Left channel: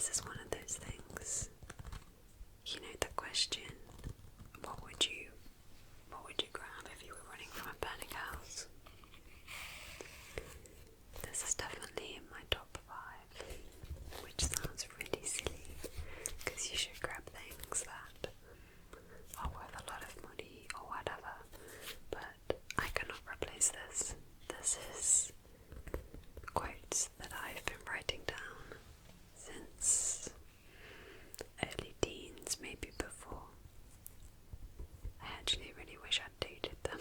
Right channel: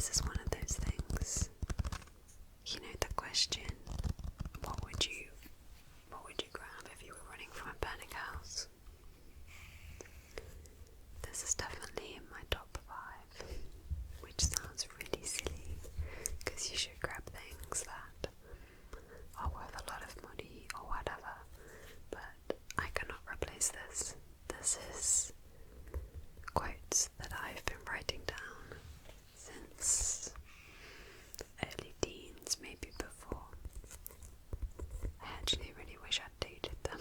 this is one of those things. You know the question, what would you grab if you were running from a burning house? This is definitely in my top 5, which sounds really silly, because you should grab things that are worth a lot of money or whatever, but I cannot replace this. This is quotes that I've been writing down since early teens, maybe before. I actually really wish I'd dated them.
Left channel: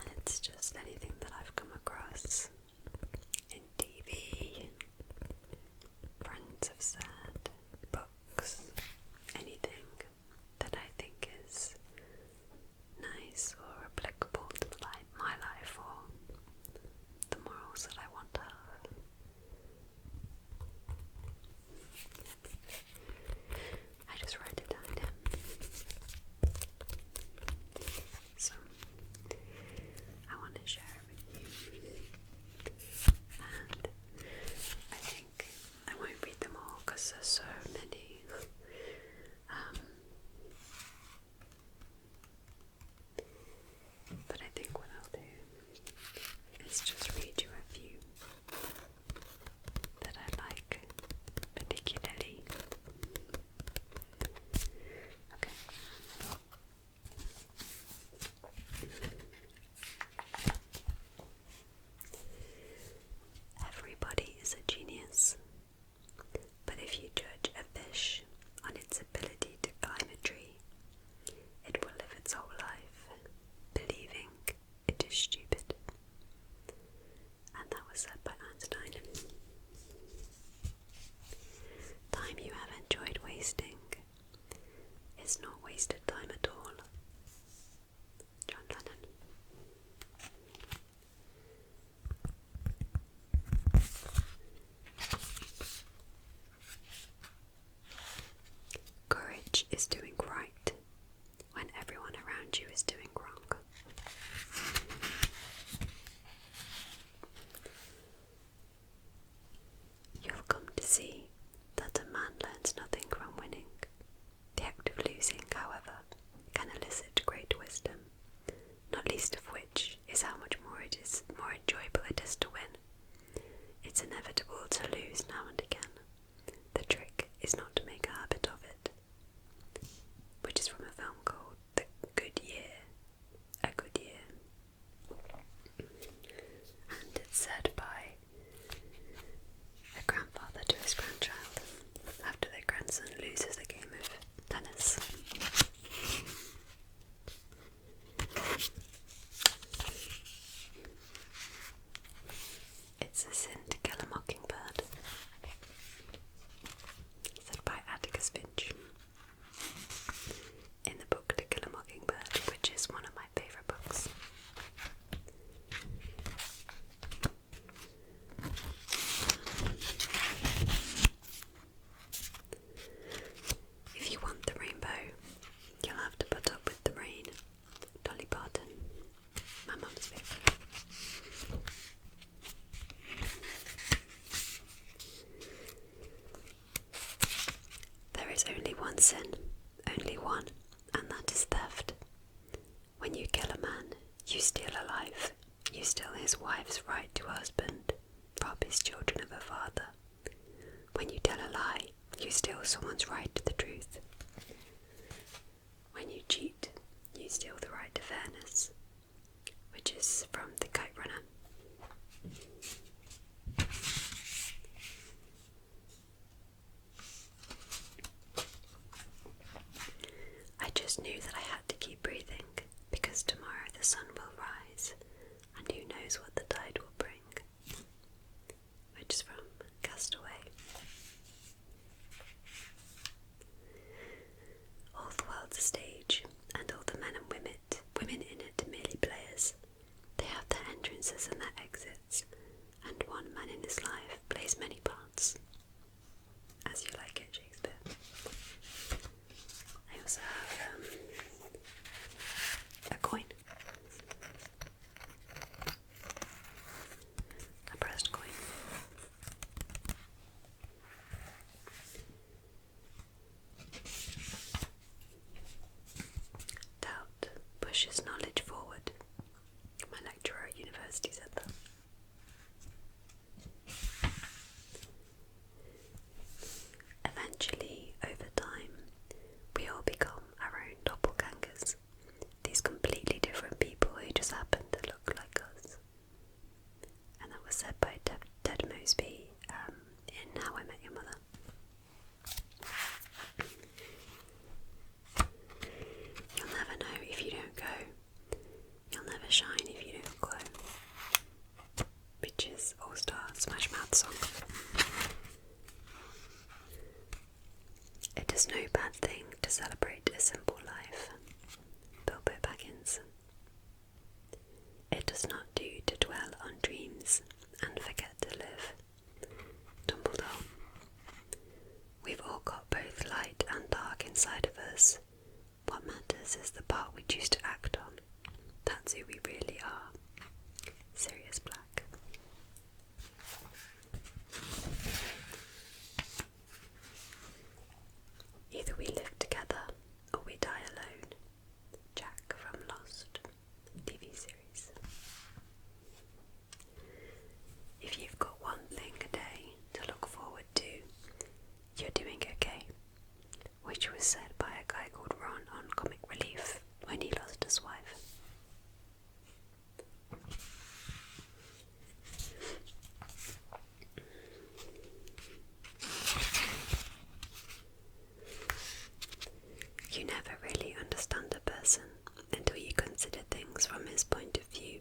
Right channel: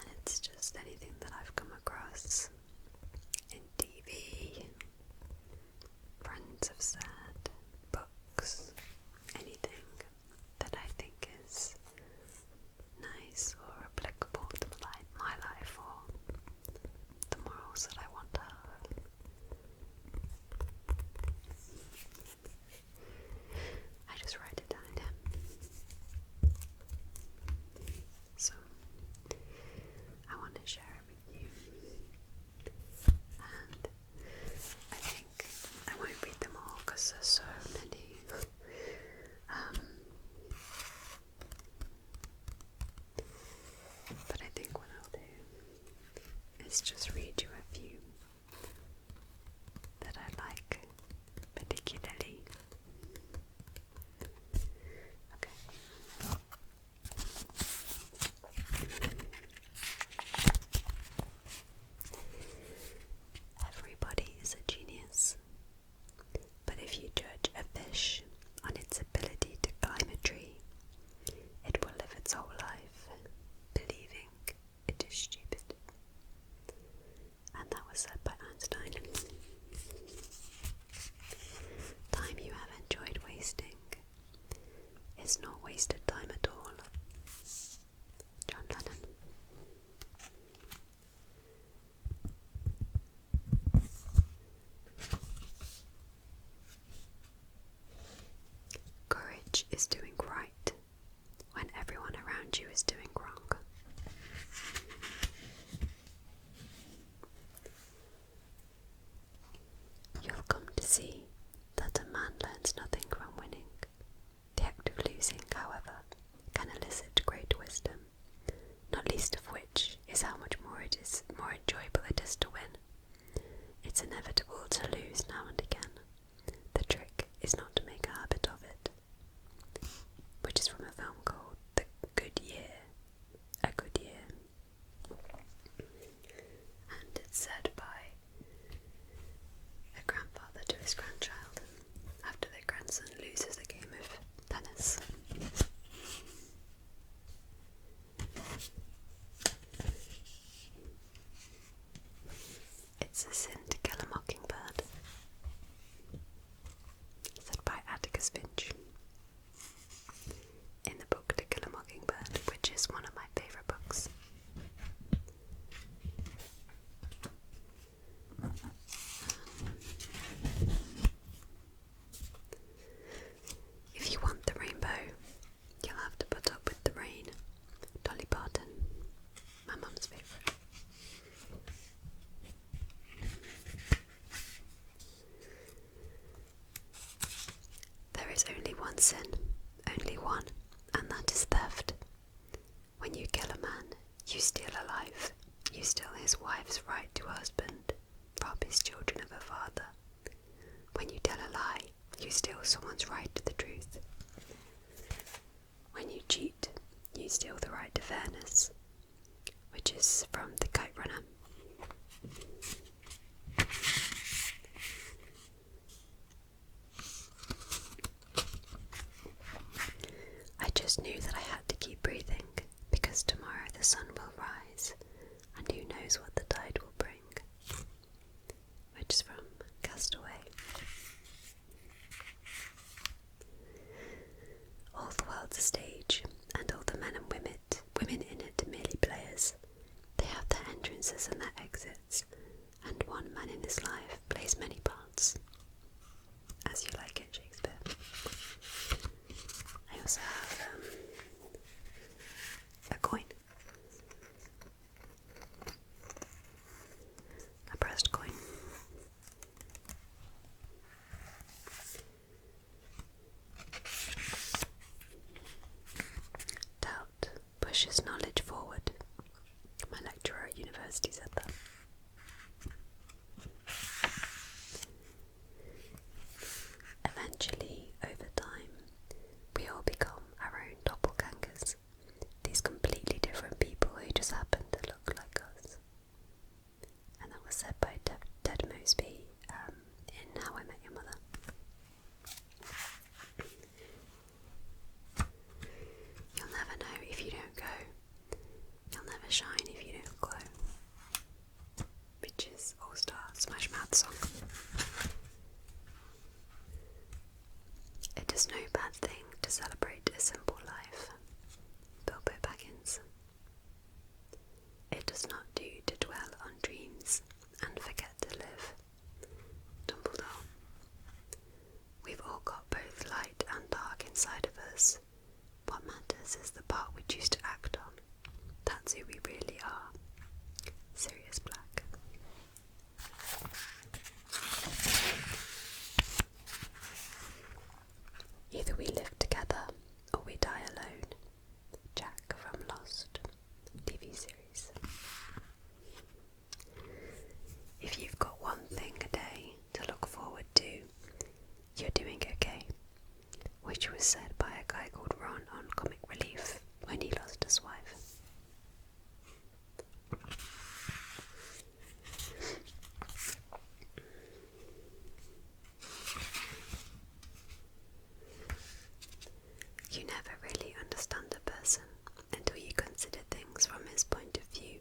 And it's just anything that I've come across in TV, friends have said, books, anything that I think is nice or applicable to my life or the morals that I want to have. I just write it down again. So I want to share it with you, and I think I won't read them all because there's so many. But I think what I'll do is just read you a few that I like particularly. Okay. Everybody is a genius, but if you judge a fish on its ability to climb a tree, it will live its whole life believing it is stupid. And that was said by Einstein. Time you have enjoyed wasting is not wasted time at all. John Lennon. Courage is doing right when everyone around you is doing wrong. You'll come to see that a man learns nothing from winning. The act of losing, however, can elicit great wisdom, not least of which is how much more enjoyable it is to win. It's inevitable to lose now and again. The trick is not to make a habit of it. Which is from a film called A Good Year. And it's said by a grandfather to his grandchild after their grandson loses a game of tennis. It's a sin to kill a mockingbird, said by Atticus Finch in the book To Kill a Mockingbird, which is one of my favourite books. If you want the rainbow, you'll have to put up with the rain. Dolly Parton, my mum's favourite. There is only one sin, only one, and that is theft. When you kill a man, you steal a life. You steal his wife's right to a husband, rob his children of a father. When you tell a lie, you steal someone's right to the truth. When you cheat, you steal the right to fairness, which is from The Kite Runner. I just knew that I had to keep breathing, because tomorrow the sun will rise, and who knows what the tide will bring, which is from Castaway. Busby in How I Met Your Mother. You'll never know if you don't go. You'll never shine if you don't glow. Which is All-Star Smash Mouth song. It is no bad thing to celebrate a simple life. Bilbo Baggins. It does not do to dwell on dreams and forget to live. Dumbledore. We've all got both light and dark inside of us. What matters is the part we choose to act on. That's who we really are. Sirius Black. Either we live together or we die alone. Jack from Lost TV series. If you've got one thing a day to look forward to, you're doing okay. Which was said by a guy called Ron on Comic Relief when he lost his wife. You never really understand a person until you consider things from his point of view,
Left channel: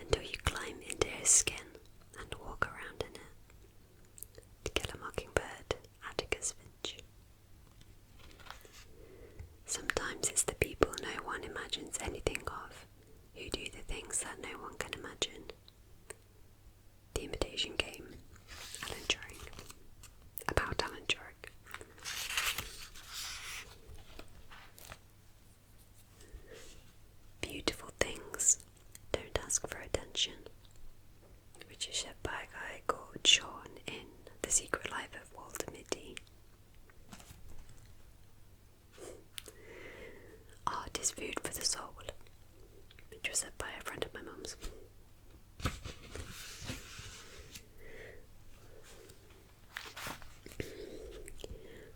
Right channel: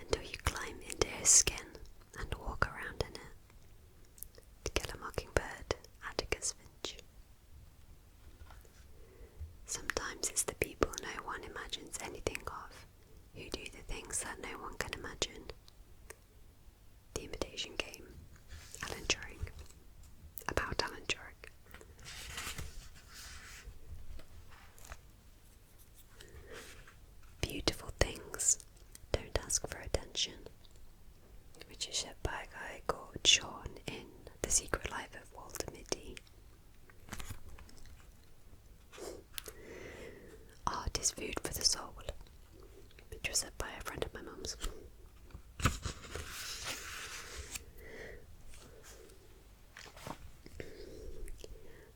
until you climb into his skin and walk around in it. To Kill a Mockingbird, Atticus Finch. Sometimes it's the people no one imagines anything of who do the things that no one can imagine. The Imitation Game, Alan Turing. About Alan Turing. Beautiful things don't ask for attention, which is said by a guy called Sean in The Secret Life of Walter Mitty. Art is food for the soul, which was said by a friend of my mum's.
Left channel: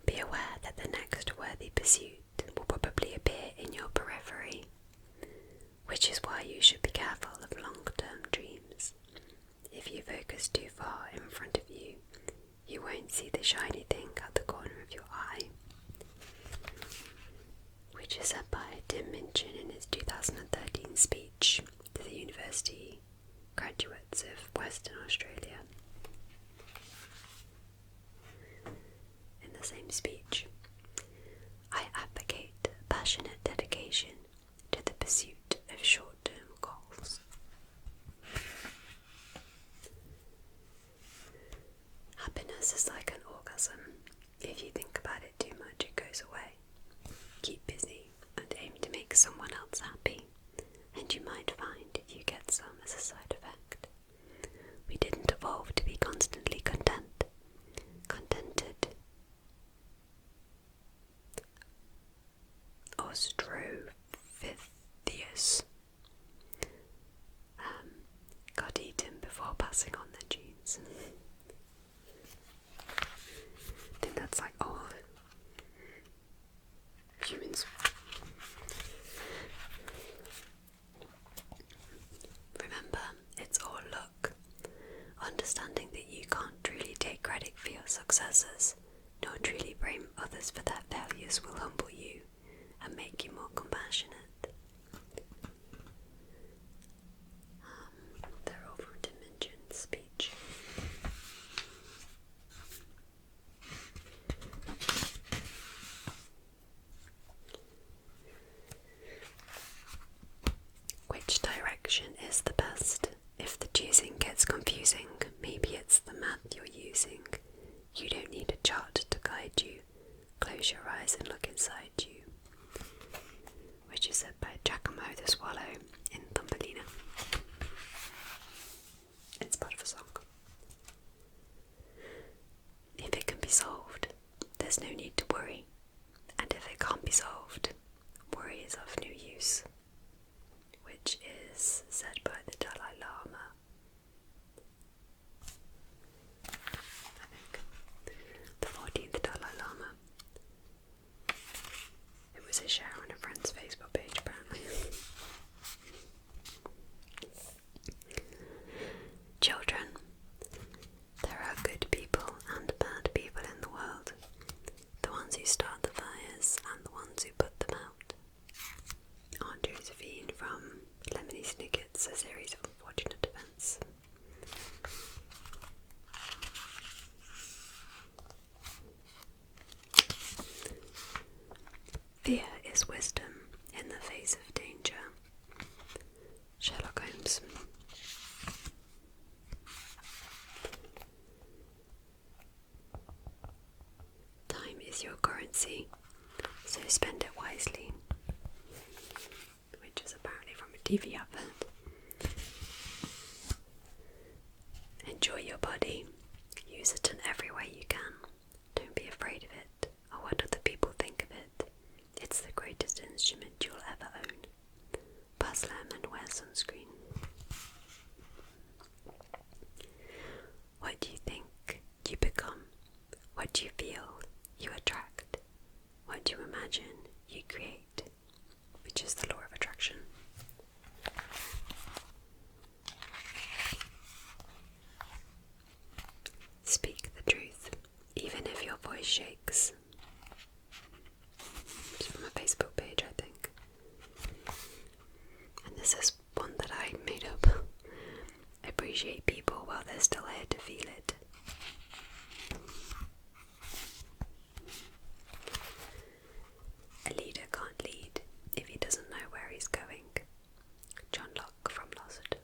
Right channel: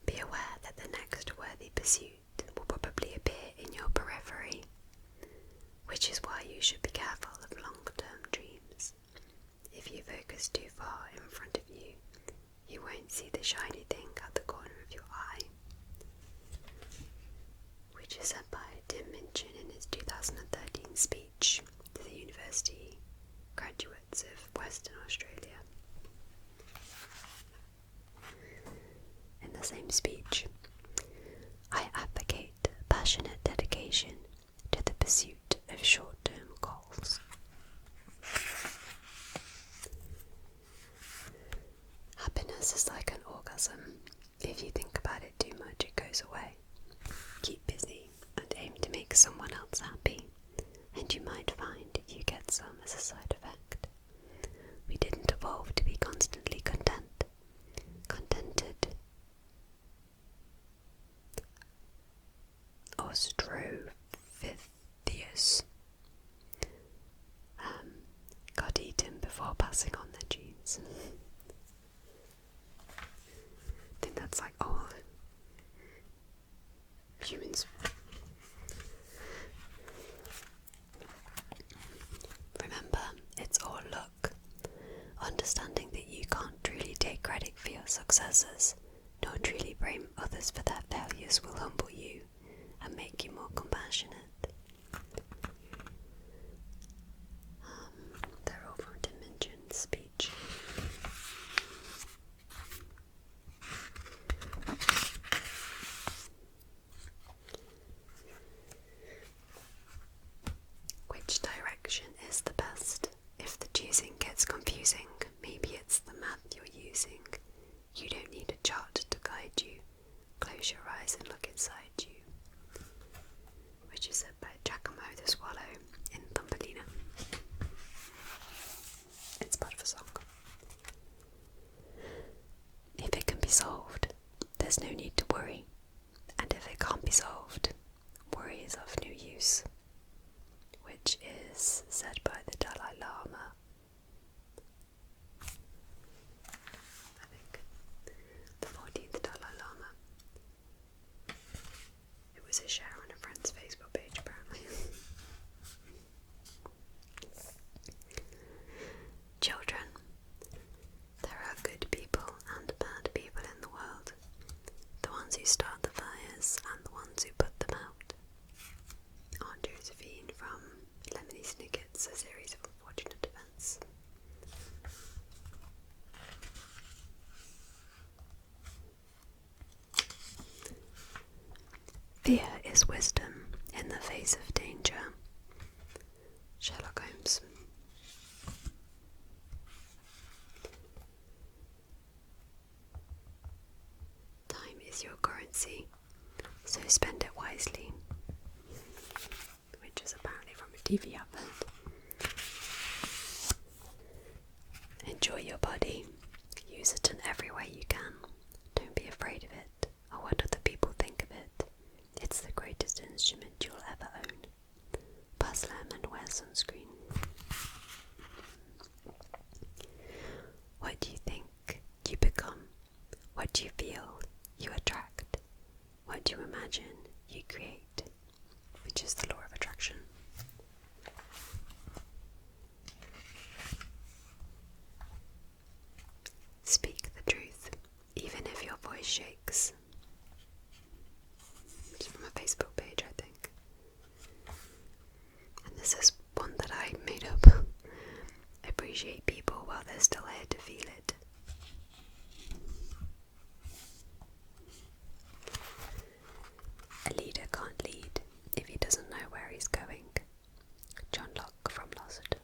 Be aware that the next worthy pursuit will probably appear in your periphery, which is why you should be careful of long-term dreams. If you focus too far in front of you, you won't see the shiny thing at the corner of your eye. Which is said by Tim Minchin in his 2013 speech to the university graduates of Western Australia. In the same speech, I advocate passionate dedication to the pursuit of short-term goals. Happiness is like an orgasm. If you think about it too much, it goes away. Keep busy and aim to make someone else happy, and you might find you get some as a side effect. We didn't evolve to be constantly contented. Australopithecus got eaten before passing on their genes. I think that's like all humans. Remember, it's all luck. Understanding that you can't truly take credit for your successes, nor truly blame others for their failures, will humble you and make you more compassionate. They're all from Tim Minchin's speech. Which direction is the best? If the choosing gets confusing, maybe it's the math you're using. You don't need a chart to guide you. Close your eyes and look inside you. Which is said by Giacomo the Swallow in Thumbelina. It's part of a song. If it can be solved, there's no need to worry. And if it can't be solved, worry is of no use. Which is said by the Dalai Lama. I think. The 14th Dalai Lama. It was a share on a friend's Facebook page, apparently. Children, don't see, so spend it wisely. Which is apparently from a TV advert. Enjoy your body. Use it in every way you can. Don't be afraid of it or what other people think of it. It's the greatest instrument you'll ever own. Pass them and wear sunscreen. What do you think, you become. What do you feel, you attract. What do you imagine, you create. Which is the law of attraction. Speak the truth, even if your voice shakes. It's from a Facebook page, I think. And this is one that I made up. Appreciate people while they're still here to feel it. A leader can't lead if he doesn't know where he's going. John Locke from Lossard.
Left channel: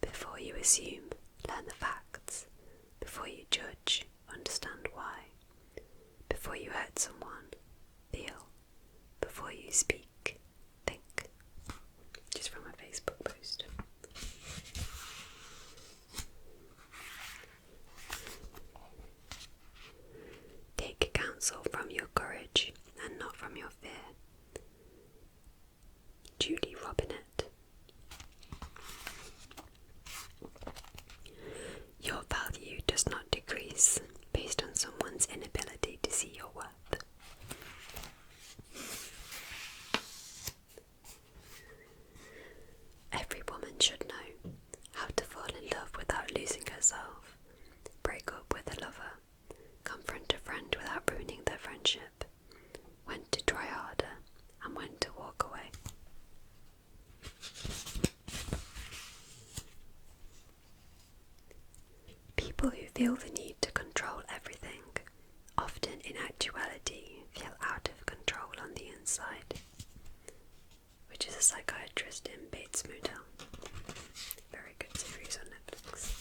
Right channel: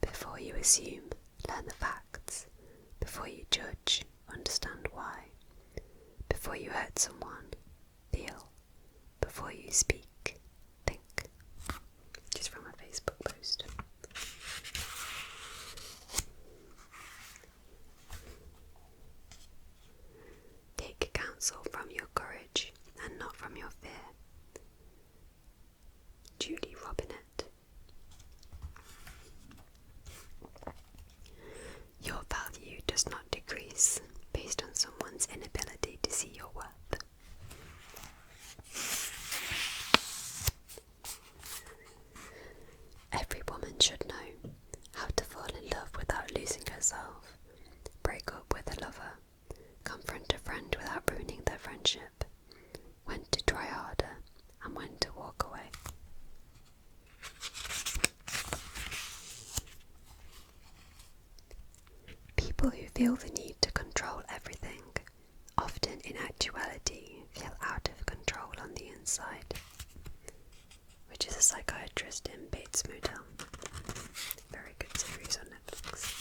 Before you assume, learn the facts. Before you judge, understand why. Before you hurt someone, feel. Before you speak, think. Just from a Facebook post. Take counsel from your courage and not from your fear. Judy Robinette. Your value does not decrease based on someone's inability to see your worth. Every woman should know how to fall in love without losing herself, break up with a lover, confront a friend without ruining their friendship, when to try harder and when to walk away. People who feel the need to control everything often in actuality feel out of control on the inside. Which is a psychiatrist in Bates Motel. Very good series on Netflix.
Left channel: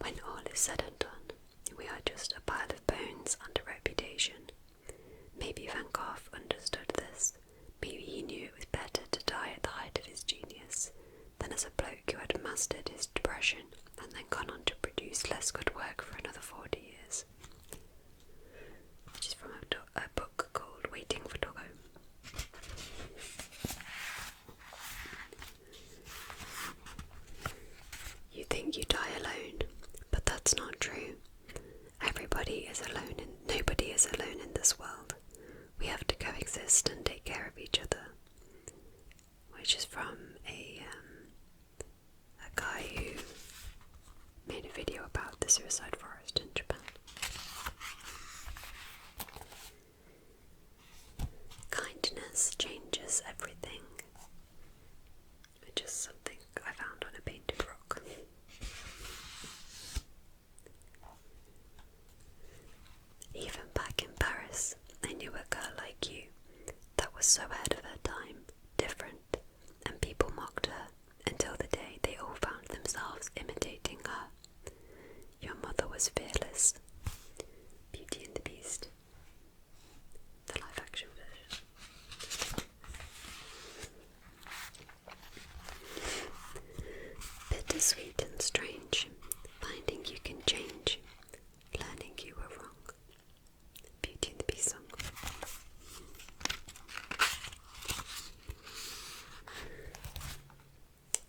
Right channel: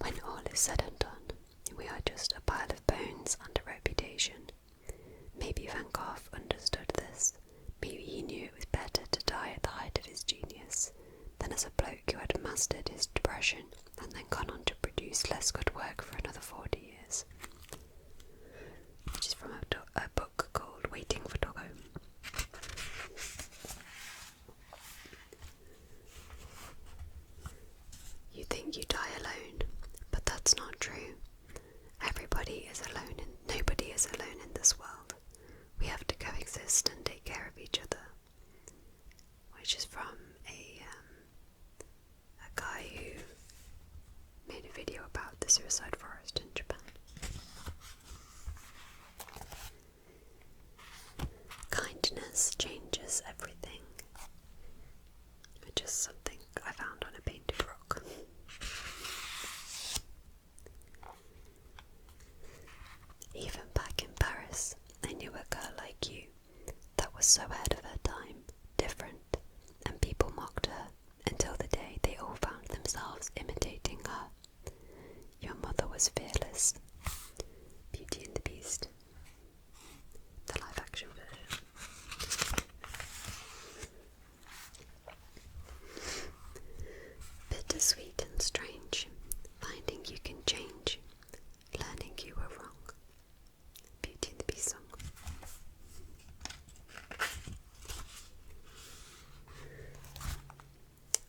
When all is said and done, we are just a pile of bones under reputation. Maybe Van Gogh understood this. Maybe he knew it was better to die at the height of his genius than as a bloke who had mastered his depression and then gone on to produce less good work for another 40 years. Which is from a book called Waiting for Doggo. You think you die alone, but that's not true. Everybody is alone and nobody is alone in this world. We have to coexist and take care of each other. Which is from a guy who made a video about the suicide forest in Japan. Kindness changes everything. Which is something I found on a painted rock. Even back in Paris, I knew a girl like you that was so ahead of her time, different, and people mocked her until the day they all found themselves imitating her. Your mother was fearless. Beauty and the Beast. The live action version. Bittersweet and strange, finding you can change, learning you were wrong. Beauty and the Beast song.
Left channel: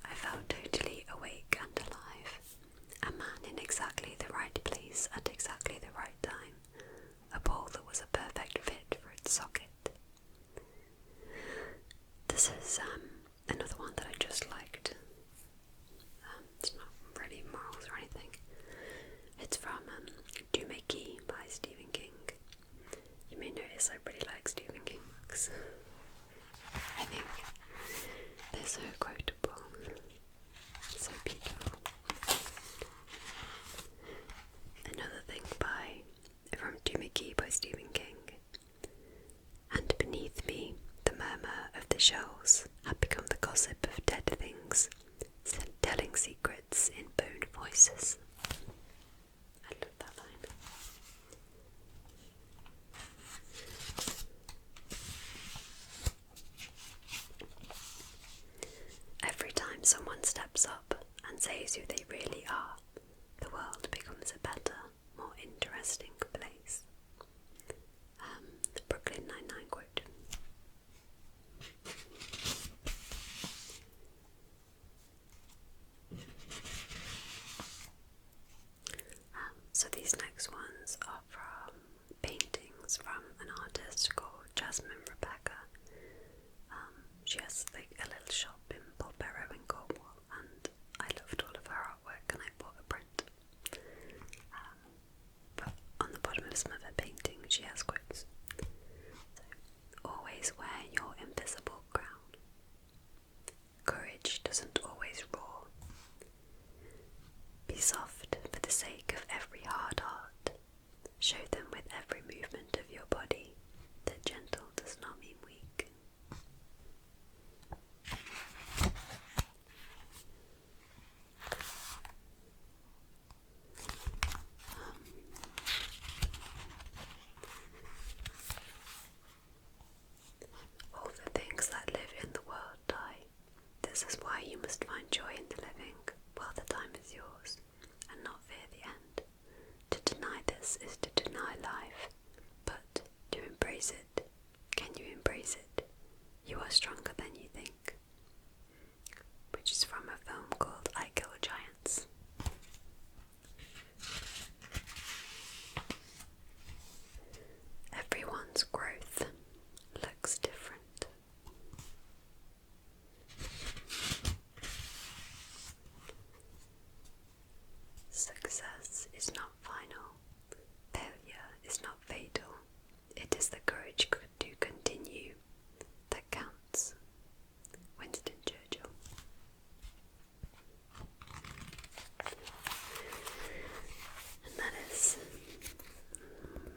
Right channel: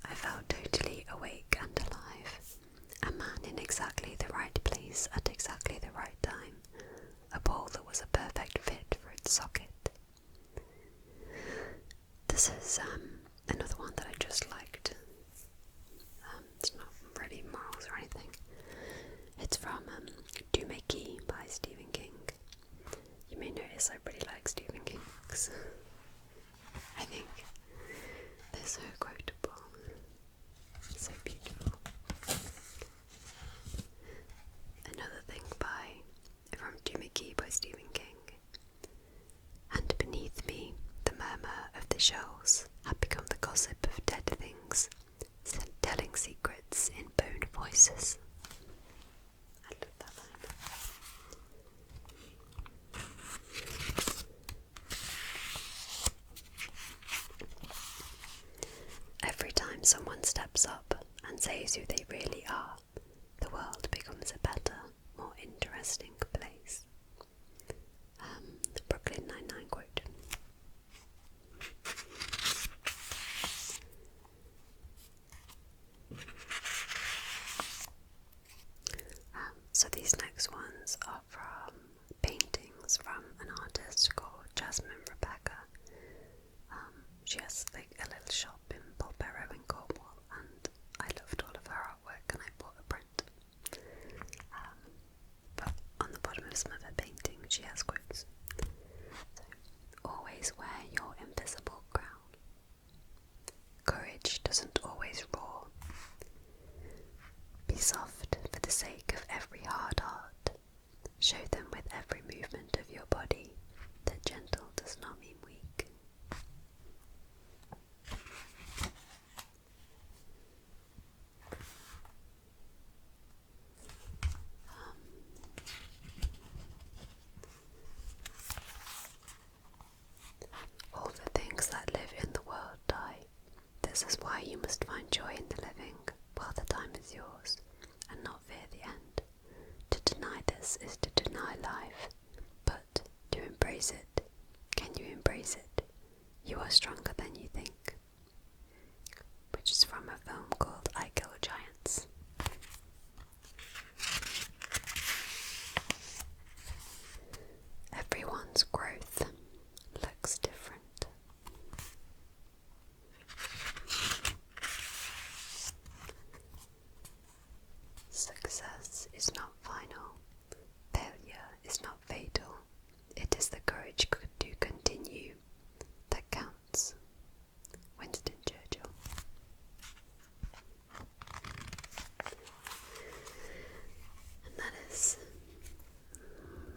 I felt totally awake and alive. A man in exactly the right place at exactly the right time. A ball that was a perfect fit for its socket. This is another one that I just liked. It's not really morals or anything. It's from Do Make E by Stephen King. You may notice I really like Stephen King books. I think they're so quotable, so beautiful. Another thing from Do Make E by Stephen King. And beneath me, the murmur of the shells had become the gossip of dead things, telling secrets in bone voice. choices. I love that line. Every time someone steps up and says who they really are, the world becomes a better, more interesting place. The Brooklyn Nine-Nine quote. So these next ones are from paintings from an artist called Jasmine Rebecca. She has like a little shop in Polperro in Cornwall, and I loved all of her artwork and I bought a print. But on the bottom of some of her paintings she has quotes. So, always wear your invisible crown. Courage doesn't always roar. Be soft for the sake of every hard heart. Show them with every movement of your body that gentle does not mean weak. All the things that live in the world die. This is why you must find joy in the living while the time is yours, and not fear the end. To deny this is to deny life, but to embrace it. Can you embrace it? You are stronger than you think. Which is from a film called I Kill Giants. Everyone's growth looks different. Success is not final. Failure is not fatal. It is the courage to continue that counts. Winston Churchill. And that is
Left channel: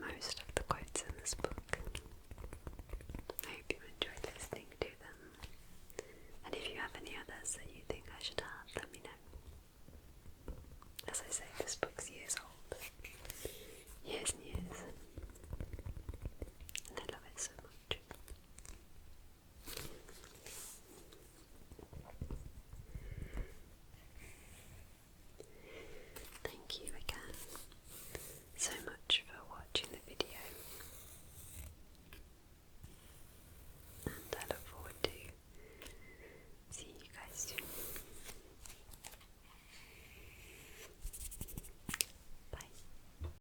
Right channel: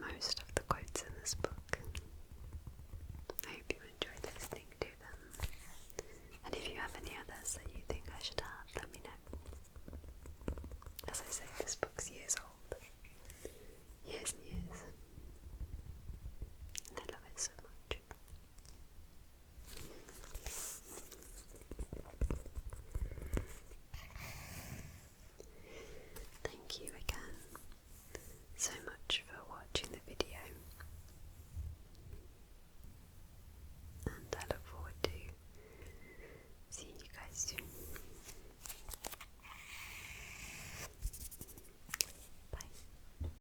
most of the quotes in this book. I hope you enjoyed listening to them. And if you have any others that you think I should have, let me know. As I say, this book's years old. Years and years.